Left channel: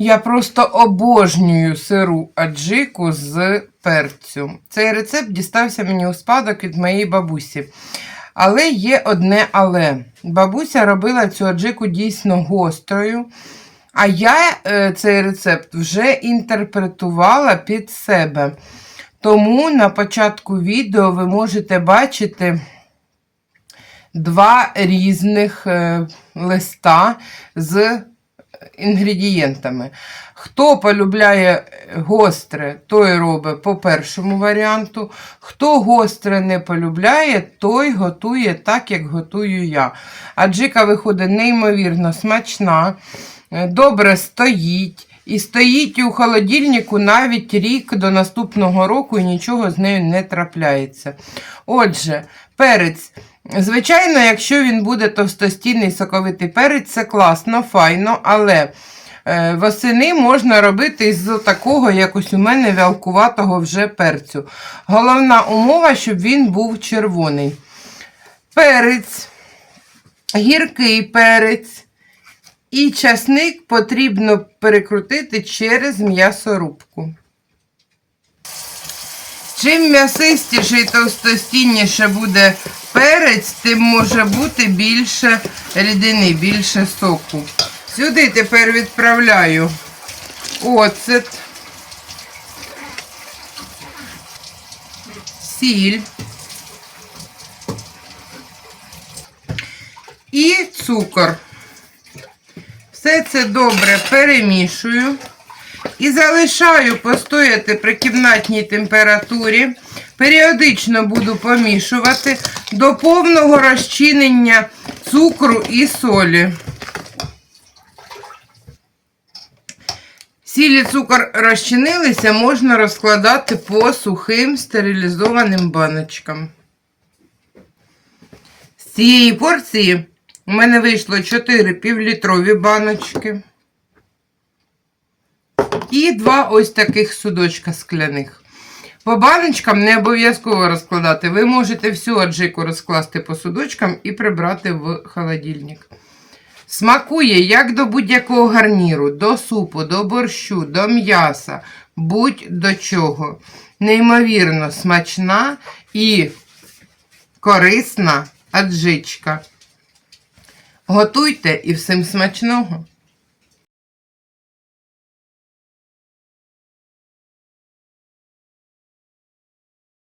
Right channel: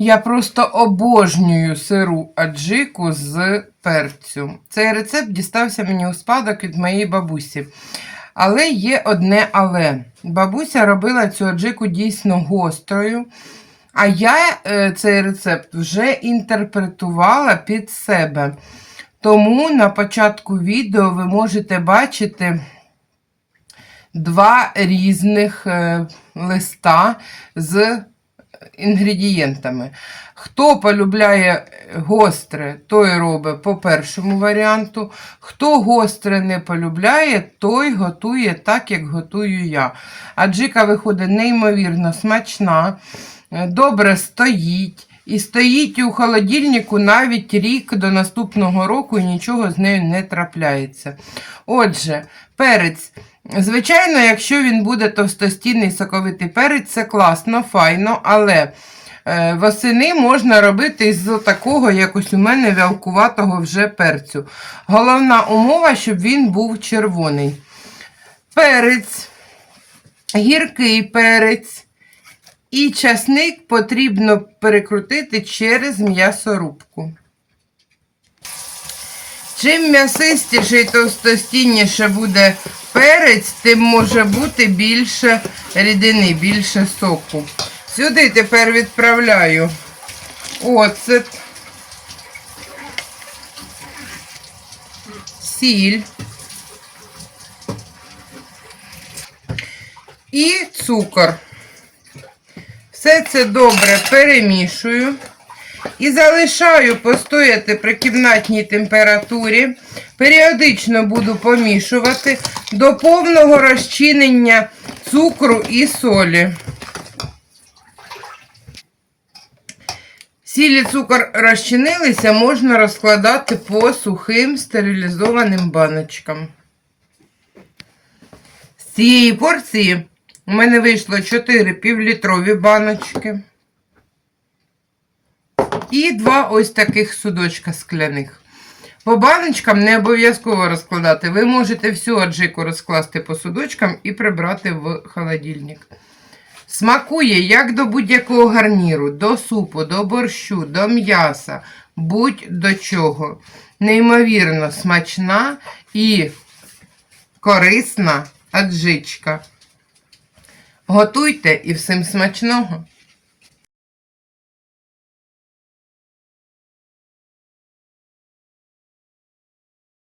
Я просто обожнюю сиру аджику з перцю. Цей рецепт дістався мені у спадок від моєї бабусі. Але є одне але. Бабуся робила цю аджику дійсно гострою. А я е, цей рецепт вже інтерпретувала під себе. Тому на початку відео ви можете бачити два різних е, листа з інгредієнтами. Хто полюбляє гостре, той робить по першому варіанту. Хто гостре не полюбляє, той готує так, як готую я. Аджика виходить неймовірно смачна, добре стоїть. І стоїть у холодильнику навіть рік до наступного року і нічого з нею не трапляється. Отже, перець. Звичайно, якщо він буде товстостійний соковитий перець, це класно, файно, але е, восени можна робити з такого, якось у мене вялкуватого вже перцю. Головна умова, щоб він був червоний. Перець, гіркий перець і часник потрібно перекрутити через м'ясорубку. Чим м'ясистіше і товстостінніше буде перець, тим може бути більше рідини, більше соку. Сюди тепер відправляю оцет, сіль і цукор. Все це добре перемішую. І залишаю постояти при кімнатній температурі. Періодично буду помішувати до повного розчинення цукру і солі. Сіль і цукор розчинилися, можна розкладати по сухим стерилізованим баночкам. З цієї порції у мене вийшло 4 півлітрові баночки. І два ось таких судочка скляних. По баночкам не обов'язково розкладати. Ви можете всю аджику розкласти по судочкам і прибрати в холодильник. Смакує як до будь-якого гарніру, до супу, до борщу, до м'яса, будь-до чого. Неймовірно смачна і корисна аджичка. Готуйте і всім смачного!